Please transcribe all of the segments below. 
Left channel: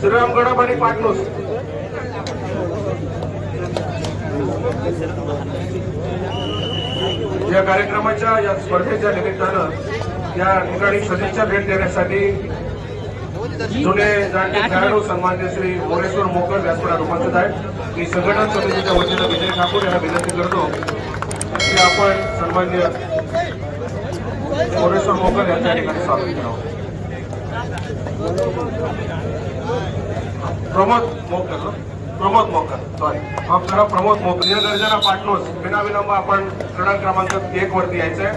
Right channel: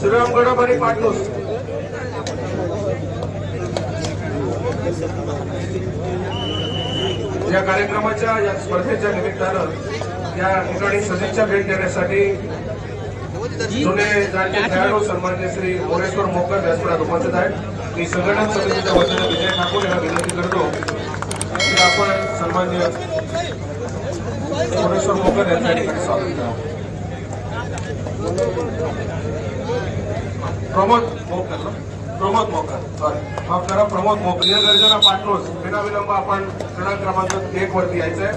श्रीराम गडब आणि पाटणूस या कार्यक्रमाच्या या स्पर्धेच्या निमित्तानं या ठिकाणी सदिच्छा भेट देण्यासाठी जुने जाणते खेळाडू सन्मान्य श्री मोरेश्वर मोकर व्यासपीठात उपस्थित आहेत। मी संघटन समितीच्या वतीनं विजय ठाकूर यांना विनंती करतो की आपण सन्मान्य मोरेश्वर मोकर यांच्या ठिकाणी स्वागत करावं। प्रमोद मोकर सॉरी माफ करा, प्रमोद मोकर या गर्जना पाटणूस विनाविलंब आपण क्रमांक क्रमांक 1 वरती यायचंय।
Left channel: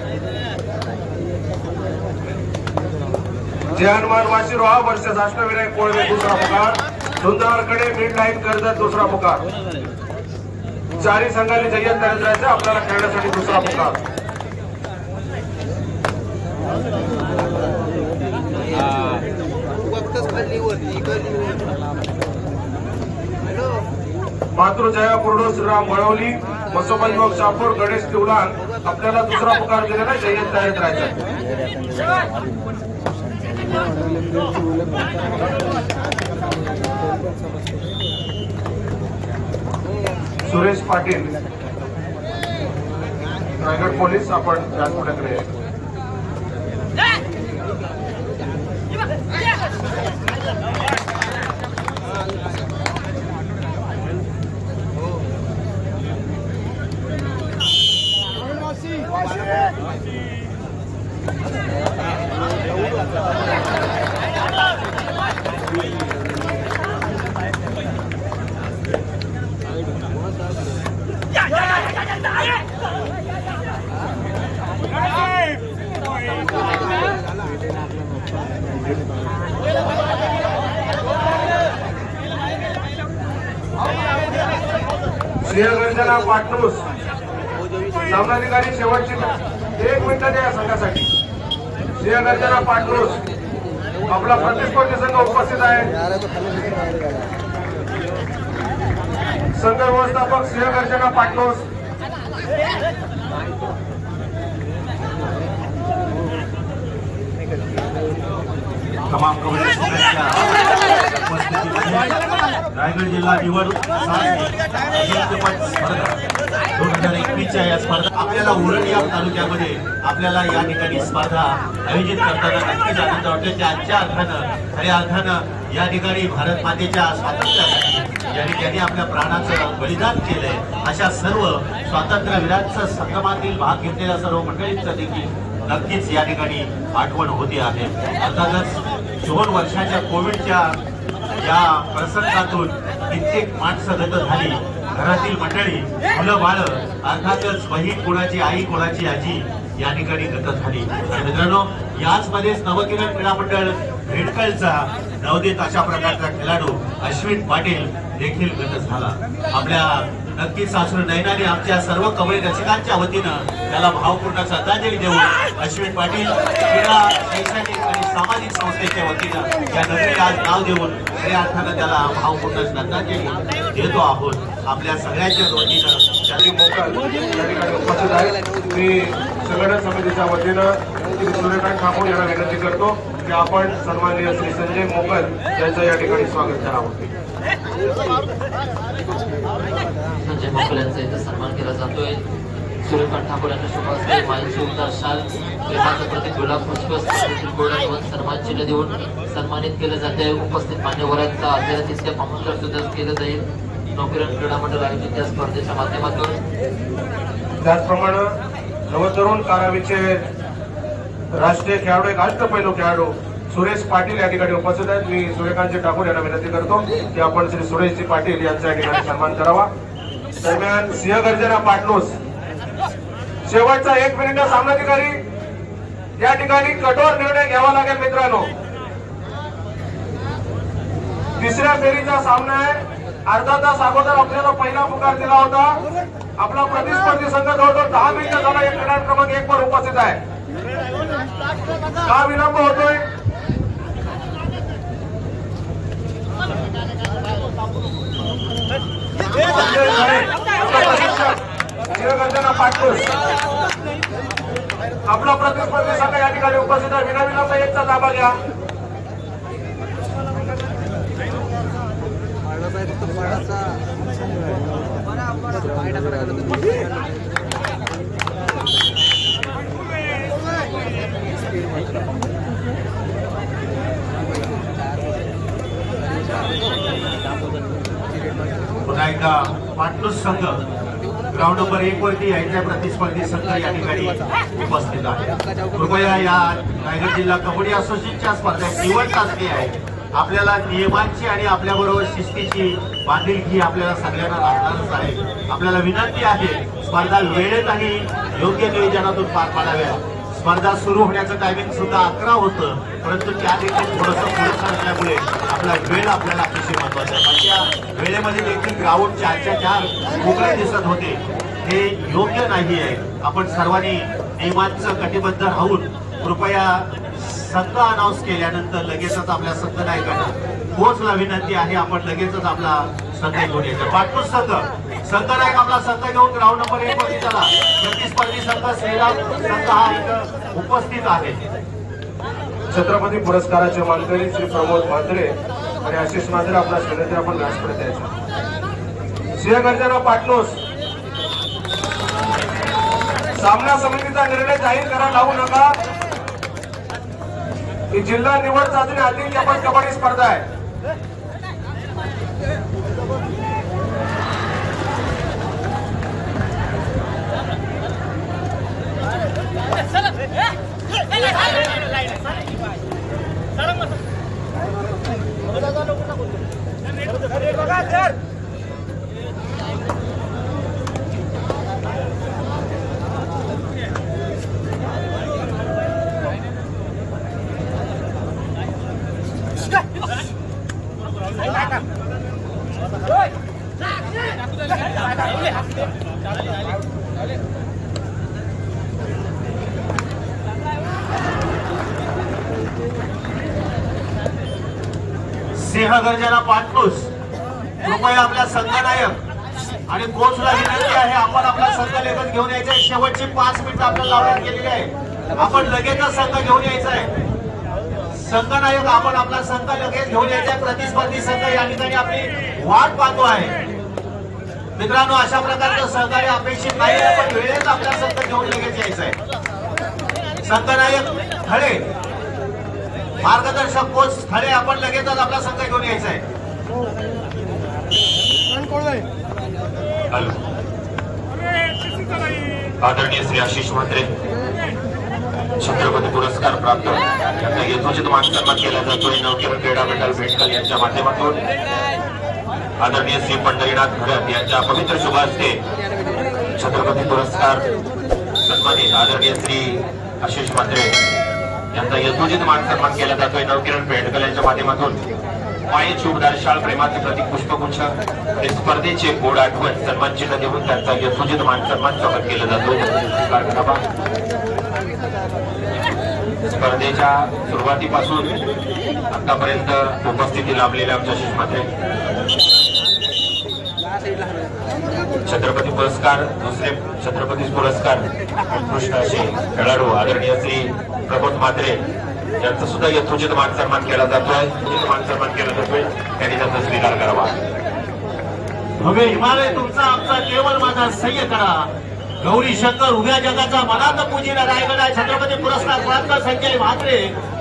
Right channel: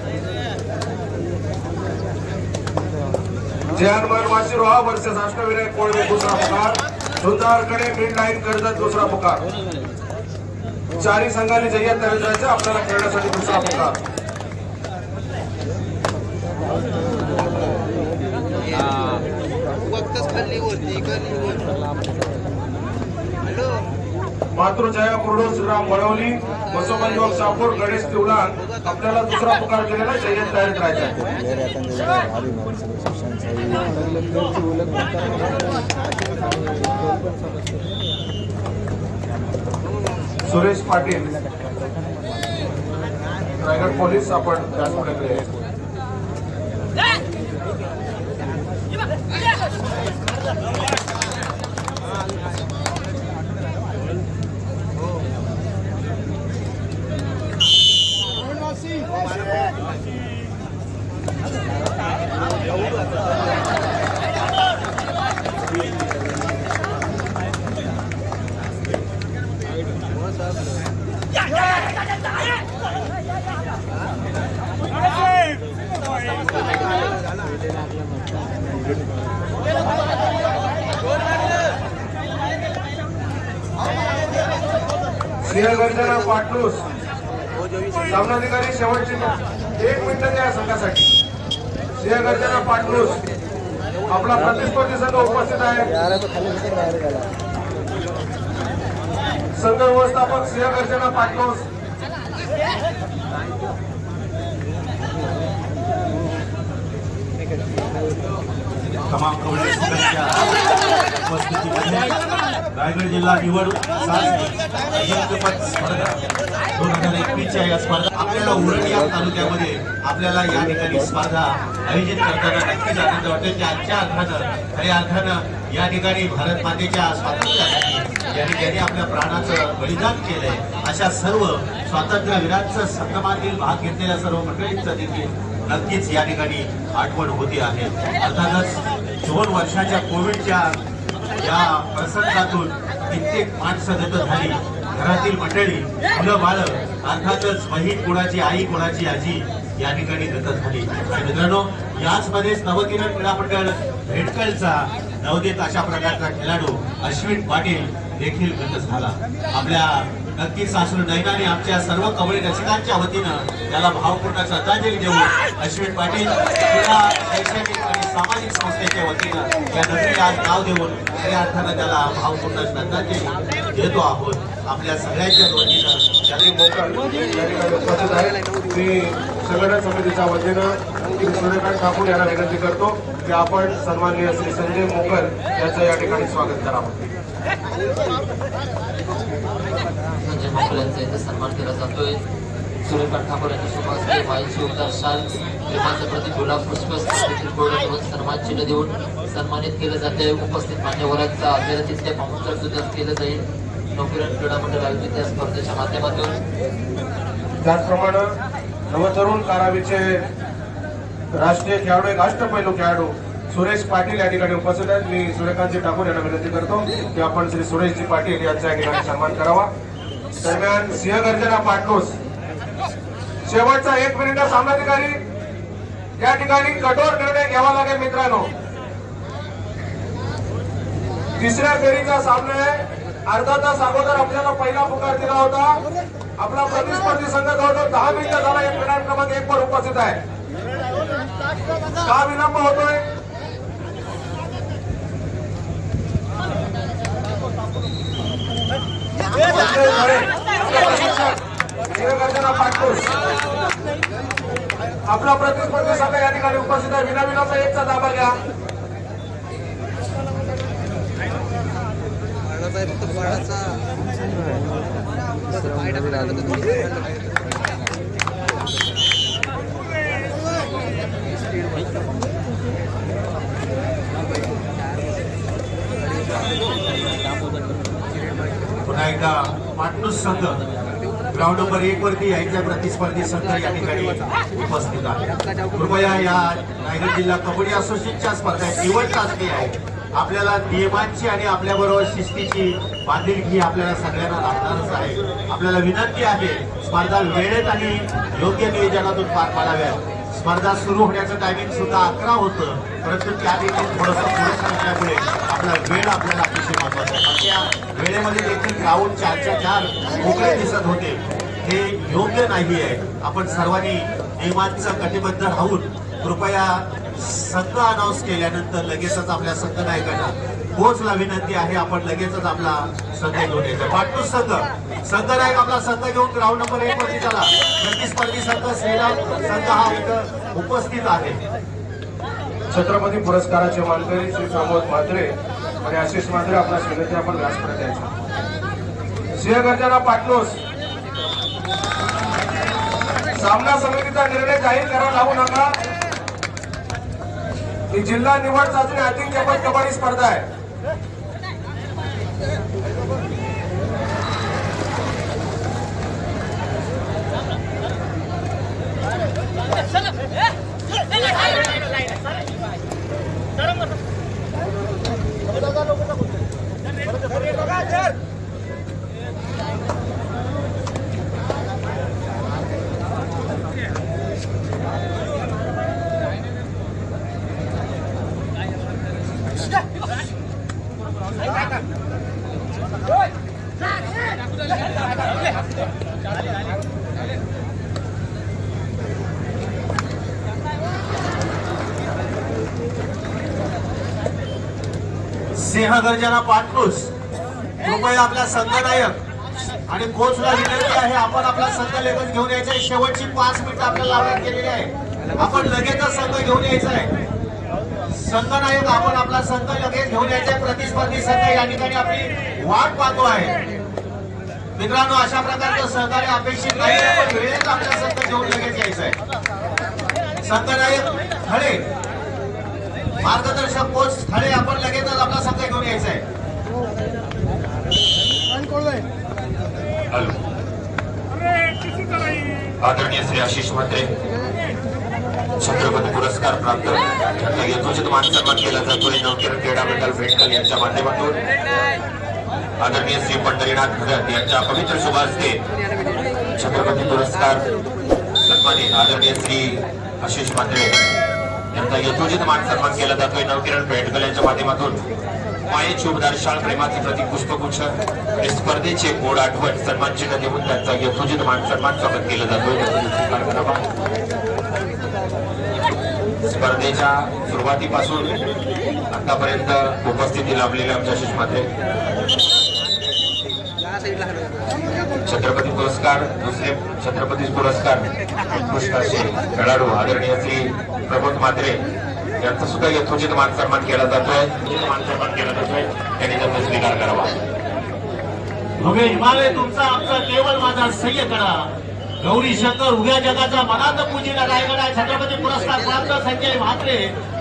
जयहनुमान माशिरोहा वर्सेस अष्टविनायक कोळवे दुसरा पुकार, सुंदरकडे मिड लाईन कर्जत दुसरा पुकार, चारी संघांनी जय्यत नरेंद्राचे आपल्याला खेळण्यासाठी दुसरा पुकार। मातृजया कुर्डो श्रीराम बळवली मसोबा युवक शापूर गणेश तिवलान आपल्याला दुसरा पुकार दिलेला जय्यत नरेंद्राचा। सुरेश पाटील रायगड पोलीस आपण व्यासपीठाकडे सिंहगर्जना पाटणूस सामनाधिकारी शेवटची 1 मिनिट द्या संघासाठी। सिंहगर्जना पाटणूस आपला प्रतिस्पर्धी संघ उपस्थित आहे। संघ व्यवस्थापक सिंहगर्जना पाटणूस तमाम कबड्डी संघांच्या उपस्थितीमध्ये रायगड जिल्हा निवड अजिंक्यपद स्पर्धा 2021च्या या स्पर्धा आपल्याला उरण या तालुक्यामध्ये आपल्याला या ठिकाणी स्पर्धा आयोजित करताना नक्कीच आनंद वाटतो। त्याच्या अर्थानं खऱ्या अर्थानं या ठिकाणी भारत मातेच्या स्वातंत्र्यासाठी ज्यांनी आपल्या प्राणाचं बलिदान केलंय अशा सर्व स्वातंत्र्यवीरांचं संगमातील भाग घेतलेल्या सर्व मंडळींचं देखील नक्कीच या ठिकाणी आठवण होती आहे। अर्थातच 2 वर्षाच्या कोविडच्या या प्रसंगातून कित्येक माणसं गत झाली, घरातील मंडळी मुलं बाळं अर्थातच बहीण कोणाची आई कोणाची आजी या ठिकाणी गत झाली। आणि मित्रांनो याच मध्येच नवकिरण क्रीडा मंडळ भेटकलचा नवोदित अशा प्रकारचा खेळाडू अश्विन पाटील देखील गत झाला। आपल्या नक्कीच सासू नयनाने आमच्या सर्व कबड्डी रसिकांच्या वतीनं त्याला भावपूर्ण श्रद्धांजली देऊन अश्विन पाटील क्रीडा शैक्षणिक आणि सामाजिक संस्थेच्या वतीनं या नगरीला आज नाव देऊन खऱ्या अर्थानं त्याला भावपूर्ण श्रद्धांजली देतो आहोत। आपल्या सगळ्यांच्या वतीनं उपस्थित आहे। मी संघटन समितीच्या वतीनं श्री सूर्यकांत ठाकूर यांना विनंती करतो की आपण सन्माननीय श्री संजय मोकर यांचं या ठिकाणी स्वागत करावं। संजय मोकर यांचा इथे सन्मान केला जातोय। सूर्यकांत ठाकूर यांच्या शुभास्ते मायेचे उद्गार शाल प्रेमाचं प्रतीक गुलाब पुष्प स्पर्धेतील गोल्डन सन्मान चिन्ह देऊन सन्मानित केलं जाते। उपस्थित मान्यवरांचा आदरातिथ्य पामुद्रा सुद्धा केलं जाईल नवकिरण क्रीडा मंडळ आयोजित या स्पर्धेच्या माध्यमातून। त्याचप्रमाणे नवतरुण कारावीचे राष्ट्रीय खेळाडू एक अष्टपैलू खेळाडू सुरेश पाटील या ठिकाणी उपस्थित आहेत। मी सूर्यकांतजी ठाकूर यांना विनंती करतो की आपण श्री सुरेशजी पाटील यांचा या ठिकाणी सन्मान करावा। दरम्यान सिंहगर्जना पाटणूस शेवटचा 1 मिनिट सामनाधिकारी या ठिकाणी कठोर निर्णय घ्यावा लागेल मित्रांनो। तिसऱ्या फेरीचा सामना आहे। अर्धा तास अगोदर आपल्याला पहिला पुकार दिला होता। आपला प्रतिस्पर्धी संघ जवळजवळ 10 मिनिटं झाला या क्रमांक क्रमांक 1 वर उपस्थित आहे। का विलंब होतोय? सिंहगर्जना पाटणूस आपला प्रतिस्पर्धी संघ या ठिकाणी उपस्थित आहे। विनाविलंब 1चा ताबा घ्या। पुन्हा एकदा पाटणूस संघ ग्राउंड नंबर 1 वरती यायच्या प्रतिस्पर्धी संघ या ठिकाणी उपस्थित आहे. कृपया या रायगड जिल्हा कबड्डी असोसिएशनच्या स्पर्धेत निवड चाचणी आहे. आपल्याला नियमांची आणि आपल्याबरोबर शिस्तीची बांधिलकी आपल्याला सगळ्यांना लागणारच आहे. आपल्याला विनंती आहे स्पर्धा वेळेत आणि योग्य नियोजनातून पार पाडाव्या. स्पर्धा सुरू होण्याचं टायमिंग सुद्धा 11 होतं, परंतु त्या देखील थोडंसं पुढे असल्यामुळे आपला वेळ आपल्याला अतिशय महत्वाचा आहे. पण त्या वेळेमध्ये देखील ग्राउंड 4च्या 4 मोकळे दिसत होते, हे योग्य नाही आहे. आपण सर्वांनी नियमांचं कटिबद्ध राहून कृपया संघ अनाऊन्स केल्यानंतर लगेचच आपल्या संघ नायकांना कोचला विनंती आहे आपण लगेचच आपला संघ घेऊन यायचा. पाटणूस संघ नायक आपला संघ घेऊन ग्राउंड नंबर 1 वरती झाला. प्रतिस्पर्धी संघ श्रीराम संघ हा इथं उपस्थित आहे. छत्रपती पुरस्काराचे मानकरी श्री प्रमोद म्हात्रे आणि आशिष म्हात्रे आपला विनंती आपण व्यासपीठात यायचा. सिंहगर्जना पाटणूस सामना समितीचा निर्णय जाहीर करायला लागू नका. ही जिल्हा निवड चाचणी अजिंक्यपद कबड्डी स्पर्धा आहे. सिंहगर्जना पाटणूस कृपया आपल्या संघनायक आणि कोचला विनंती आहे आपण आपला संघ लगेच घेऊन यायचा आहे. शेवटची 5 मिनिटं आपल्याला लावण्यात गेलेली आहे. आपण लगेचच संघ घेऊन यायचा आहे. संघनायक आपण आपला संघ लगेच घेऊन यायचा आहे. प्रतिस्पर्धी संघ या ठिकाणी आपली वाट पाहतो आहे. मित्रांनो, अशा प्रकारचं सहकार्य अपेक्षित नाही आहे, पण वेळेत आपला संघ घेऊन लगेच यायचा आहे. संघनायक थळे, मार्गदर्शक कोच थळे आपण लगेचच आपला संघ घेऊन यायचा आहे. हॅलो, आदरणीय श्री आशिष म्हात्रे छत्रपती पुरस्कार प्राप्त यांना यथोचित मानसन्मान केला जातोय. नवकिरण क्रीडा मंडळ भेटकल यांच्या माध्यमातून आदरणीय श्री पंढरीनाथ भगत यांच्या पवित्र शुभ हस्ते छत्रपती पुरस्कार सन्मानित आदरणीय श्री आशिष म्हात्रे यांचा यथोचित मानसन्मान केला जातोय. नवकिरण भेटकल यांच्या माध्यमातून मायेची उबदार शाळ प्रेमाचे प्रतीक पुष्पगुच्छ आणि स्पर्धेचे गोड आठवण सन्मान चिन्ह देऊन त्यांचा यथोचित मानसन्मान स्वागत केलं जातो. स्पर्धेच्या सुरुवातीपासून आतापर्यंत उपस्थिती लाभलेले आमच्या आशिष म्हात्रे छत्रपती पुरस्कार, दुसरे छत्रपती पुरस्कार उत्कृष्ट असे खेळाडू आदरणीय श्री प्रमोद म्हात्रे यांचा सुद्धा यथोचित मानसन्मान केला जातोय. मानसन्मान केला जातोय, त्यांनी त्याचा स्वीकार करावा. भव्य हिमालय तुमचा आमचा केवळ माझा सह्य करा. गौरी शंकर उभ्या जगाचा मनात पूजीला रायगड आहे. छत्रपती पुरस्कार प्राप्त संजय म्हात्रे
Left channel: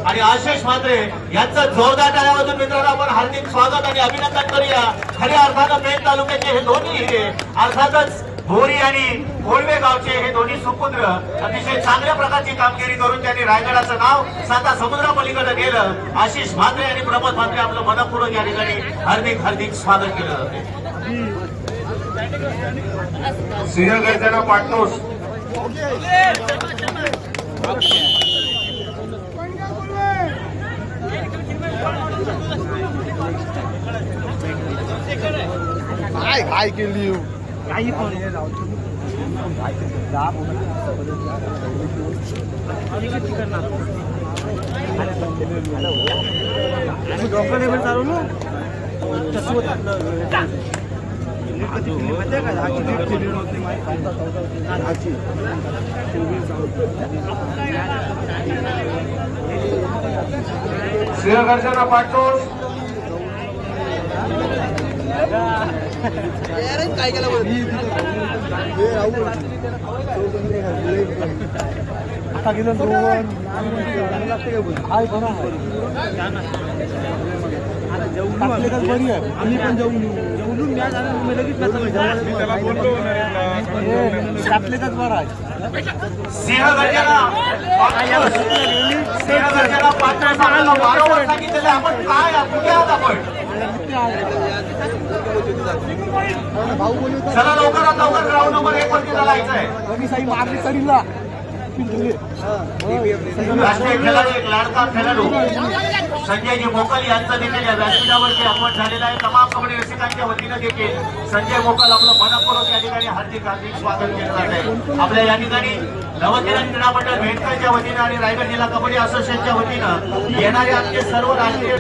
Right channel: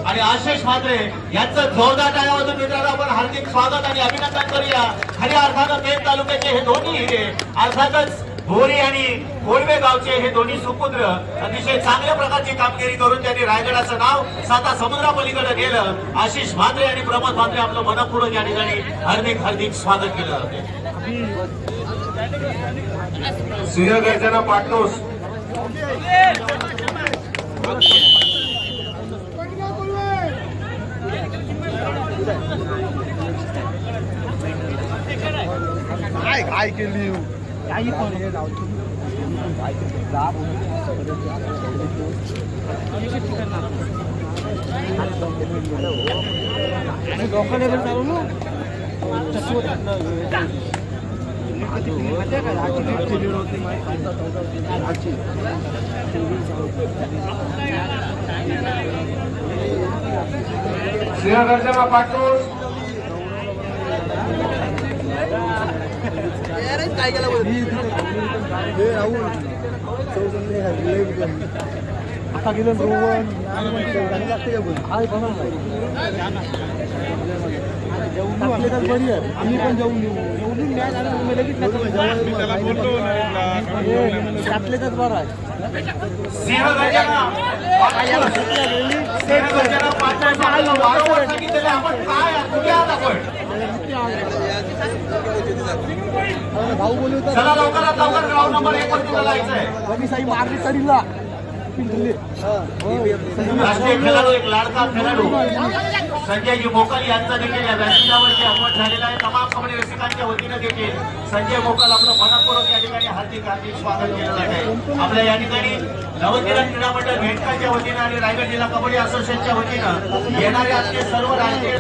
आणि आशिष म्हात्रे यांचं जोरदार टाळ्यामधून मित्रांनो आपण हार्दिक स्वागत आणि अभिनंदन करूया. खऱ्या अर्थानं पेण तालुक्याचे हे दोन्ही हिरे, अर्थातच बोरी आणि कोळवे गावचे हे दोन्ही सुपुत्र अतिशय चांगल्या प्रकारची कामगिरी करून त्यांनी रायगडाचं नाव 7 समुद्रापलीकडे गेलं. आशिष म्हात्रे आणि प्रमोद म्हात्रे आपलं मनपूर्वक या ठिकाणी हार्दिक हार्दिक स्वागत केलं जाते. सिंहगर्जना पाटणूस काय केली काही पण डॉक्टर पण चालू ना तसं होत कधी माहिती का सिंहगर्जना पाटणूस आता गेलं रोहन हाय बघा आम्ही पण जाऊन जेवून मॅच आला तुम्ही लगेच त्याला बोलतो आपलेच बरं आहे वारंवार सांगितलेलं आपण काय कुठे आहात आपण चला लवकरात लवकर ग्राउंड नंबर 1 वरती जायचं आहे साई मारली तरीला राष्ट्रीय खेळाडू एक लाडका खेळाडू संजयजी मोकाल यांचा देखील या व्यासपीठावरती आगमन झालेला आहे. तमाम कबड्डी रसिकांच्या वतीनं देखील संजय मोकाल आपलं मनपूर्वक या ठिकाणी हार्दिक स्वागत केलं जात आहे. आपल्या या ठिकाणी नवकिरण क्रीडा मंडळ भेटकरच्या वतीनं आणि रायगड जिल्हा कबड्डी असोसिएशनच्या वतीनं येणारे आमचे सर्व राष्ट्रीय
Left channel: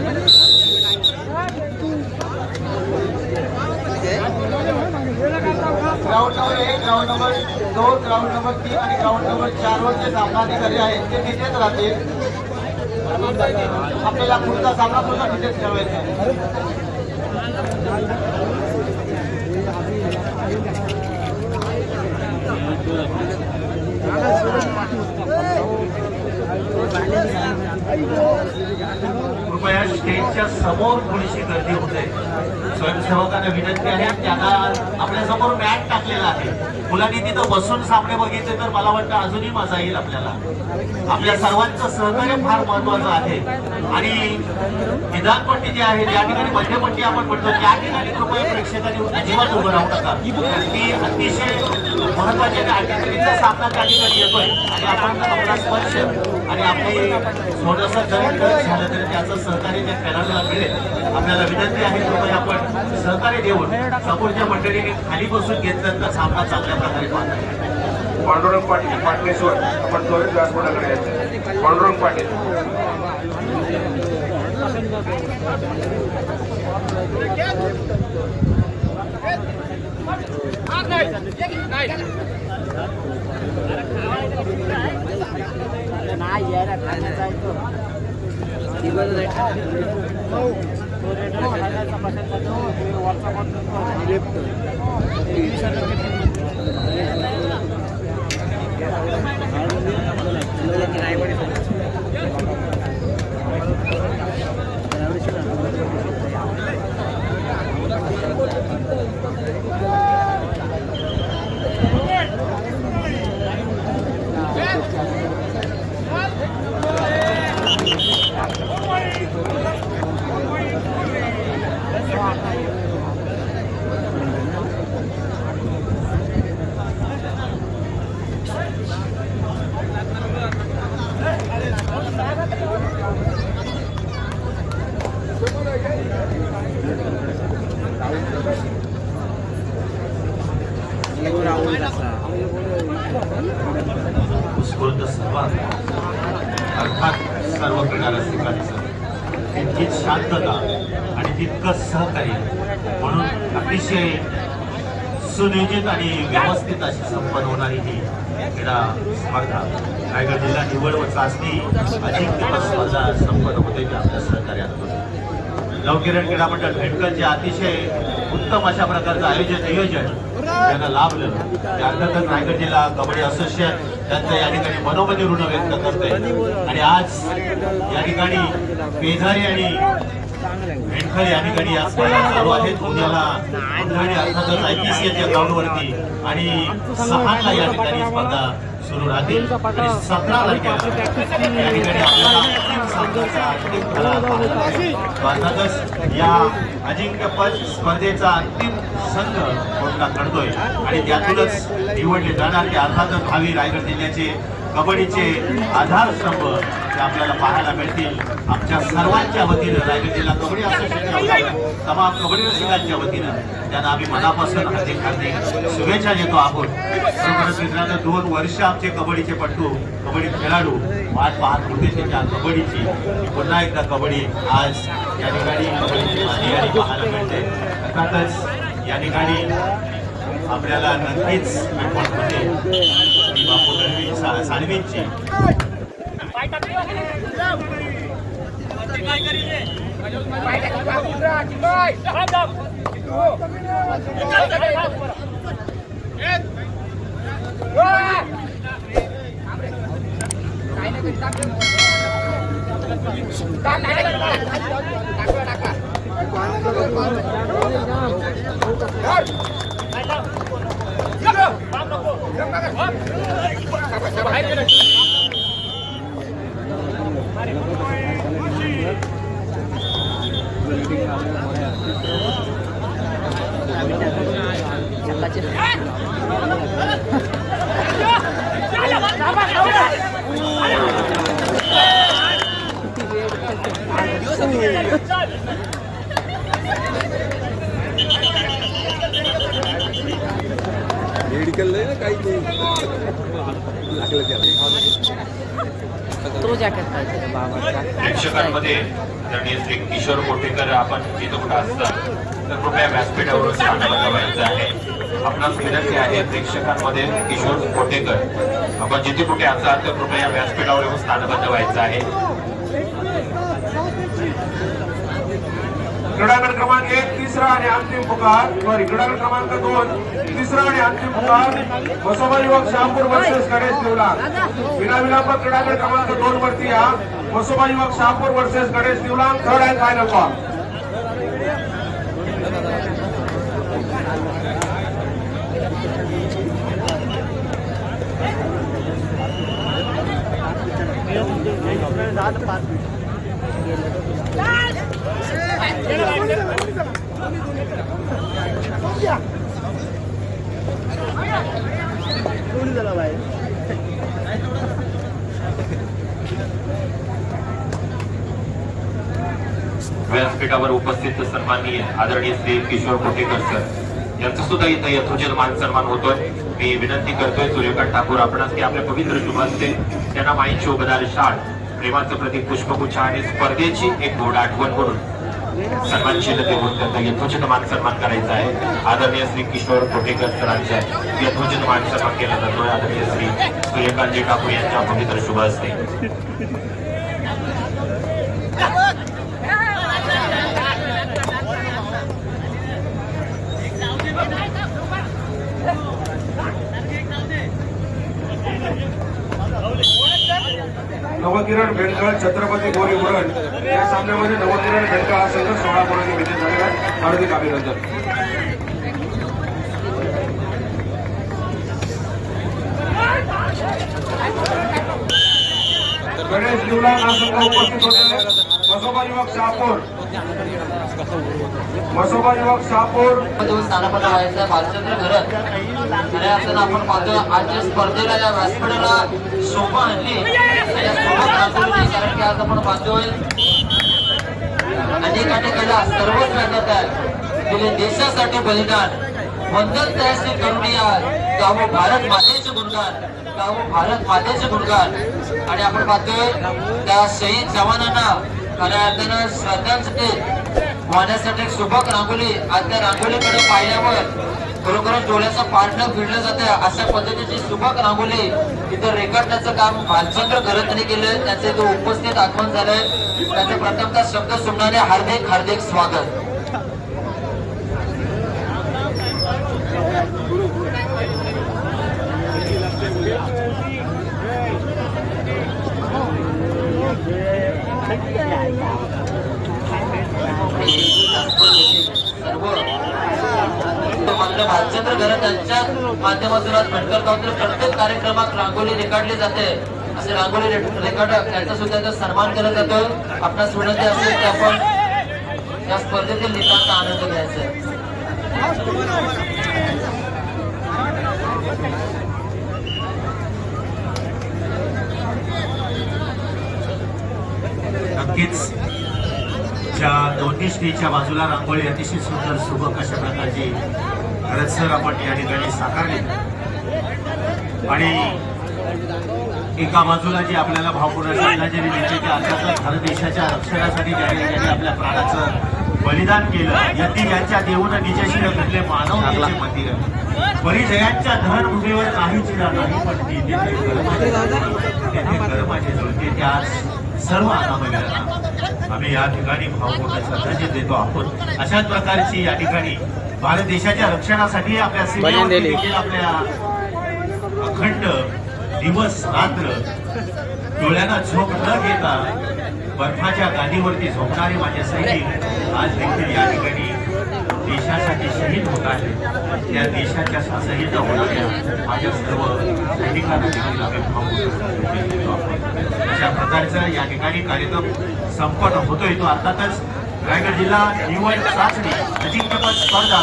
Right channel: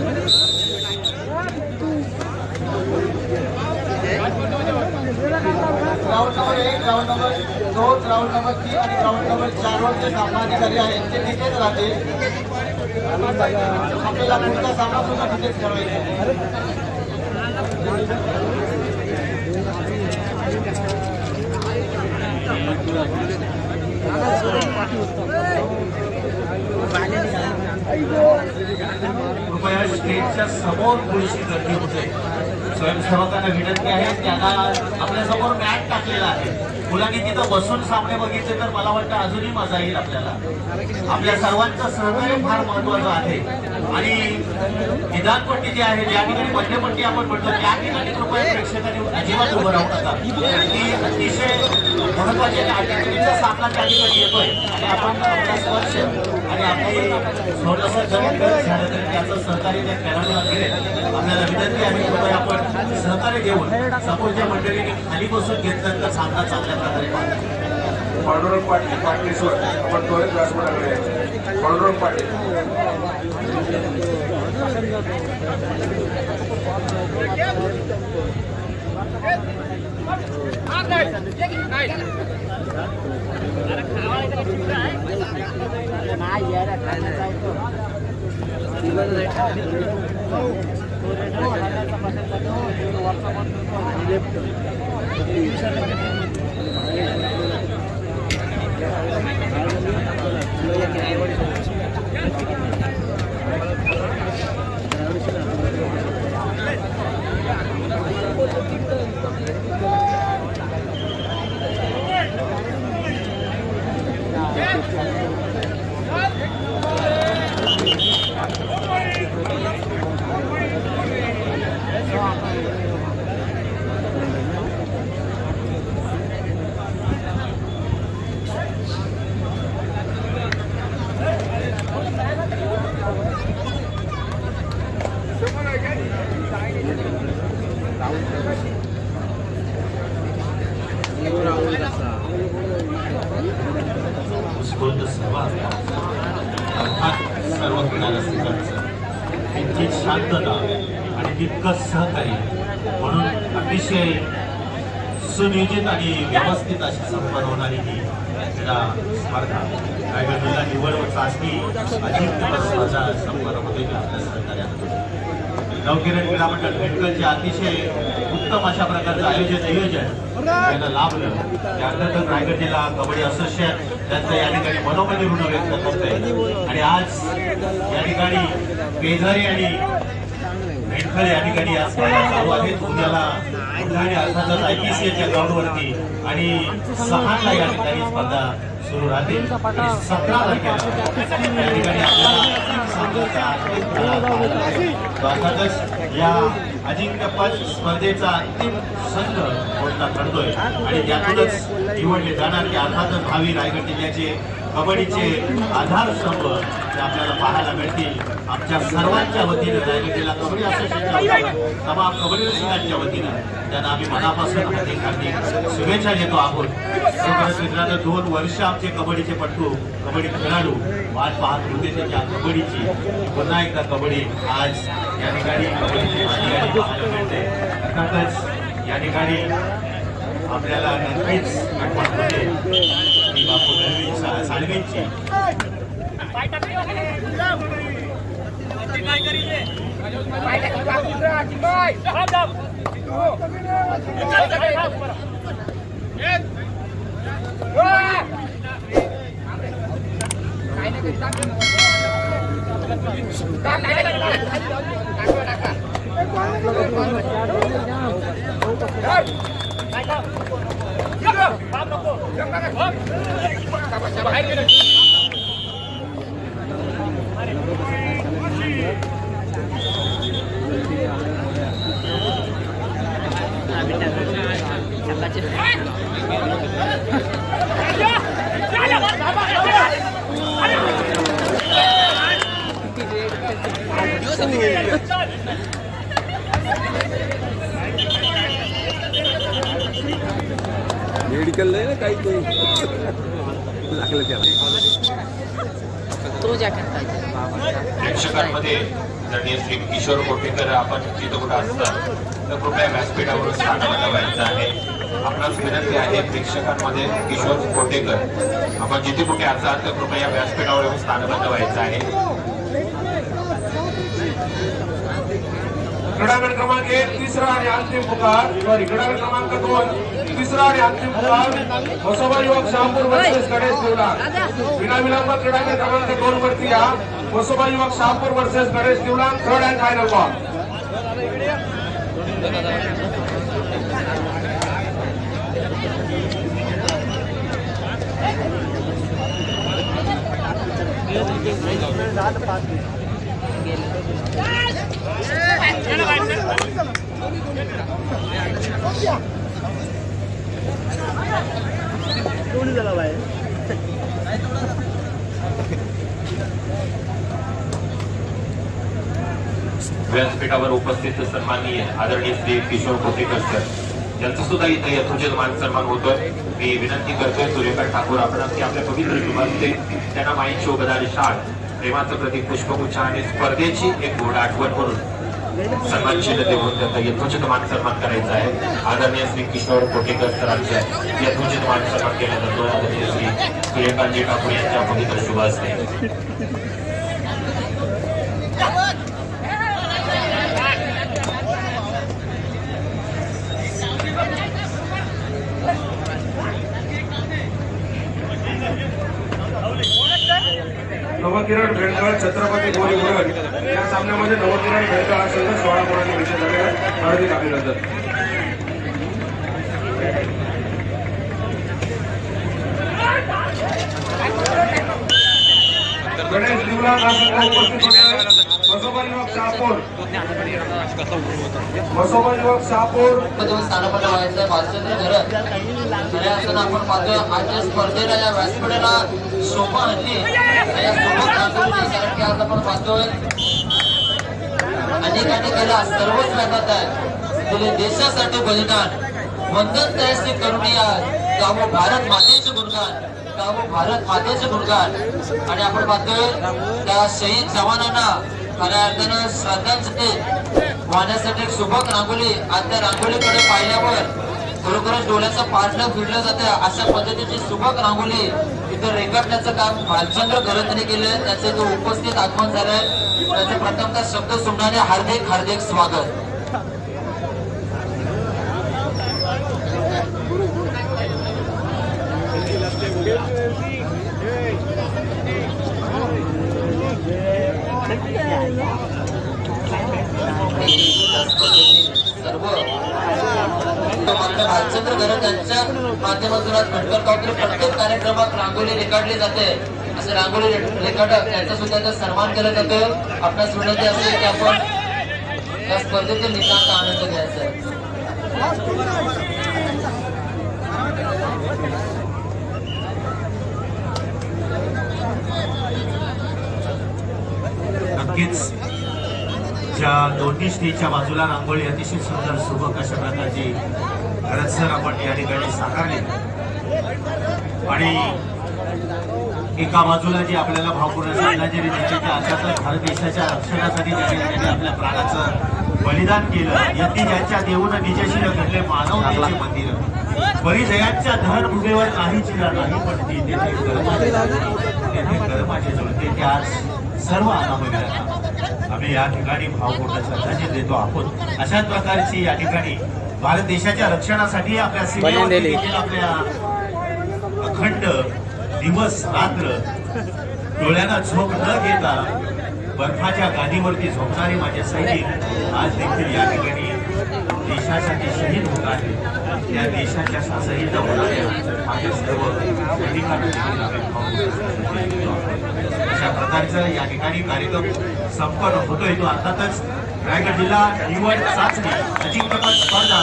ground number 1, ground number 2, ground number 3 आणि ग्राउंड नंबर 4 वरचे सामना अधिकारी आहेत ते तिथेच राहतील. आपल्याला पुढचा सामना सुद्धा तिथेच ठेवायचा आहे. कृपया स्टेजच्या समोर थोडीशी गर्दी होते. स्वयंसेवकांना विनंती आहे त्यांना आपल्या समोर मॅट टाकलेला आहे. मुलांनी तिथं बसून सामने बघितले तर मला वाटतं अजूनही मजा येईल. आपल्याला आपल्या सर्वांचं सहकार्य फार महत्वाचं आहे आणि निदानपट्टी जी आहे त्या ठिकाणी मध्यपट्टी आपण म्हणतो त्या ठिकाणी कृपया प्रेक्षकांनी अजिबात उभं राहू नका. ती अतिशय महत्वाची अटीचा सामना त्या ठिकाणी येतोय आणि आपण आपला स्पर्श आणि आपली थोडंसं जरी झालं तरी त्याचं सहकार्य त्या खेळाडूला मिळेल. आपल्याला विनंती आहे कृपया आपण सहकार्य देऊन समोरच्या मंडळीने खाली बसून घेतलं तर सामना चांगल्या प्रकारे पाहतो. पांडुरंग पाटील पाटणेश्वर आपण त्वरित व्यासपीठाकडे यायचं. पांडुरंग पाटील उत्स्फूर्त सहभाग अर्थात सर्व क्रीडा रसिकांचं तितकी शांतता आणि तितकं सहकार्य म्हणून अतिशय सुनियोजित आणि व्यवस्थित अशी संपन्न होणारी ही क्रीडा स्पर्धा रायगड जिल्हा निवड व चाचणी अजिंक्यपद स्पर्धा संपन्न होते आपल्या सहकार्यातून. नवकिरण क्रीडा मंडळ भेटकरचे अतिशय उत्तम अशा प्रकारचं नियोजन त्यांना लाभलं. त्यानंतर रायगड जिल्हा कबड्डी असोसिएशन त्यांचं या ठिकाणी मनोमनी ऋण व्यक्त करतोय आणि आज या ठिकाणी केझारी आणि भेटकळ या ठिकाणी आज चालू आहेत. उद्याला अर्थातच IPCच्या ग्राउंडवरती आणि 6ला या ठिकाणी स्पर्धा सुरू राहतील. 17 तारखेला या ठिकाणी आपल्याला अर्थातच या अजिंक्यपद स्पर्धेचा अंतिम संघ कोणता करतोय आणि त्यातूनच निवडले जाणारे अर्थातच भावी रायगड जिल्ह्याचे कबड्डीचे आधारस्तंभ ते आपल्याला पाहायला मिळतील. आमच्या सर्वांच्या वतीनं रायगड जिल्हा कबड्डी असोसिएशनच्या तमाम कबड्डी रसिकांच्या वतीनं त्यांना आम्ही मनापासून हार्दिक शुभेच्छा देतो आहोत. मित्रांनो 2 वर्ष आमचे कबड्डीचे पट्टू कबड्डी खेळाडू वाट पाहत होते त्यांच्या कबड्डीची. पुन्हा एकदा कबड्डी आज या ठिकाणी पाहायला मिळते. अर्थातच या ठिकाणी आपल्याला नक्कीच आठवण होते की बापू साळवेंची मेडिकल नाही ना काही प्रेक्षकांमध्ये आदरणीय श्री किशोर कोटेकर आपण जिथं कुठं असतात तर कृपया व्यासपीठावर स्थान बनवायचं आहे. आपणास विनंती आहे प्रेक्षकांमध्ये किशोर कोटेकर आपण जिथे कुठे असाल तर कृपया व्यासपीठावर येऊन स्थान बनवायचं आहे. क्रीडागट क्रमांक 1 तिसरा आणि अंतिम पुकार क्रीडागट क्रमांक 2 तिसरा आणि अंतिम पुकार वसोबा युवक शहापूर वर्सेस गणेश देवला. विनाविलंब क्रीडागट क्रमांक 2 वरती या. वसोबा युवक शहापूर वर्सेस गणेश देवला. Third and final call. व्यासपीठावर उपस्थित सन्माननीय आदरणीय श्री किशोर कोटेकर सर यांचा सुद्धा इथे यथोचित मान सन्मान होतोय. मी विनंती करतोय सूर्यकांत ठाकूर आपणास की आपल्या पवित्र शुभास्ते त्यांना माईन शोभदार शाळ प्रेमाचं प्रतीक पुष्पगुच्छ आणि स्पर्धेची एक गोड आठवण म्हणून सन्मानशील देऊन त्यांचा यथोचित मान सन्मान करायचा आहे. आदरणीय श्री किशोर कोटेकर सरांचा यथोचित मान सन्मान केला जातोय. आदरणीय श्री सूर्यकांतजी ठाकूर यांच्या पवित्र शुभास्ते. नवकिरण भेंडगळ छत्रपती गोरी मुरण या सामन्यामध्ये नवकिरण भेंडगळ हा संघ 16 गुणांनी विजय झाला. हार्दिक अभिनंदन. गणेश देवला हा संघ उपस्थित होते. वसोबा युवक शहापूर स्थानपन्न व्हायचं भालचंद्र घरत. खऱ्या अर्थानं आपण पाहतो आजच्या स्पर्धेला या व्यासपीठाला शोभा आणली या सोबत रांगोलीची. कारण की आज आपण पाहतोय अनेकाने केला सर्वच प्रकारचा दिले देशासाठी बलिदान. वंदन तहसील करुणिया गावो भारत मातेचे गुणगान. गावो भारत मातेचे गुणगान. आणि आपण पाहतोय त्या शहीद जवानांना खऱ्या अर्थानं श्रद्धांजली वाहण्यासाठी एक सुबक रांगोली. आज त्या रांगोलीकडे पाहिल्यावर खरोखरच डोळ्याचं पारणं फिरलं जातं. अशा पद्धतीची सुबक रांगोली तिथे रेखाटण्याचं काम भालचंद्र घरतने केलं. त्याचे इथे उपस्थित आगमन झालंय. त्याचे प्रथमतः शब्द सुटणारे हार्दिक हार्दिक स्वागत. सर्व मात्र भालचंद्र घरत यांच्या माध्यमातून आज भटकळ गावातील प्रत्येक कार्यक्रमात रांगोली रेखाटली जाते. असे रांगोली रेखाटक यांचा सुद्धा इथे सन्मान केला जातो. आपणास विनंती असेल की आपण या स्पर्धेतील निकालाचा आनंद घ्यायचा. नक्कीच ज्या दोन्ही स्टेजच्या बाजूला रांगोळी अतिशय सुंदर सुबक अशा प्रकारची रचना आपण या ठिकाणी साकारली. आणि एका बाजूला जे आपल्याला भावपूर्ण श्रद्धांजली देशाच्या आशातल्या भारत देशाच्या रक्षणासाठी ज्यांनी आपल्या प्राणाचं बलिदान केलं. यती यांच्या देऊन निजाशी घडले मानव मंदिर परिचयाच्या धन भूमीवर नाही चिरा नाही पण तेथे कर्माचे जळते. ते आज सर्व अनामयांना आम्ही या ठिकाणी भावपूर्ण श्रद्धांजली देतो आहोत. अशाच प्रकारची या ठिकाणी भारत देशाच्या रक्षणासाठी आपल्या सीमेवरती देखील आपल्या अखंड दिवस रात्र डोळ्यांना झोप न घेता बर्फाच्या गादीवरती झोपणारे माझे सैनिक आज देखील या ठिकाणी देशासाठी शहीद होत आहेत. त्या देशाच्या शहीद होणाऱ्या माझ्या सर्व सैनिकांना देखील आम्ही भावपूर्ण श्रद्धांजली देतो आहोत. अशा प्रकारचा या ठिकाणी कार्यक्रम संपन्न होतोय. तो अर्थातच रायगड जिल्हा निवड चाचणी अजिंक्यपद स्पर्धा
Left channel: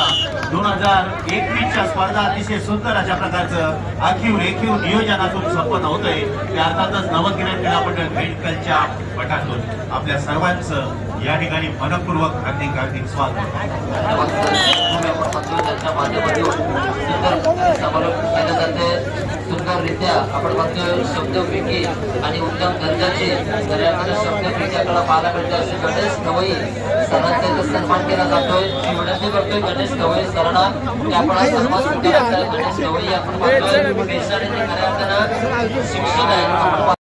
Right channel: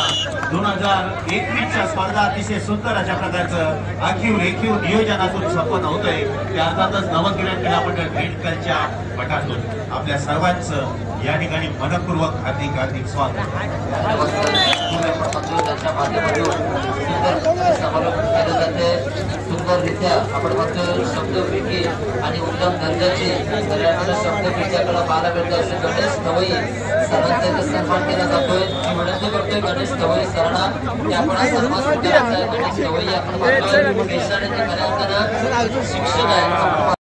2021च्या स्पर्धा अतिशय सुंदर अशा प्रकारचं आखीव रेखीव नियोजनातून संपन्न होतोय. ते अर्थातच नवकिरण क्रीडा मंडळ भेंडकलच्या मठातून आपल्या सर्वांचं या ठिकाणी मनपूर्वक हार्दिक हार्दिक स्वागत. त्यांच्या माध्यमातून सुंदर समारोप केले जाते. सुंदररित्या आपण बघतोय शब्दपैकी आणि उत्तम दर्जाचे शब्दपैकीकडे पाहायला मिळते. असे गणेश गवई सरांचा इथे सन्मान केला जातोय. मी विनंती करतोय गणेश गवई सरांना की आपण हा सन्मान स्वीकारताय. गणेश गवई आपण बघतोय पेशाने ते खऱ्या अर्थानं शिक्षण आहे.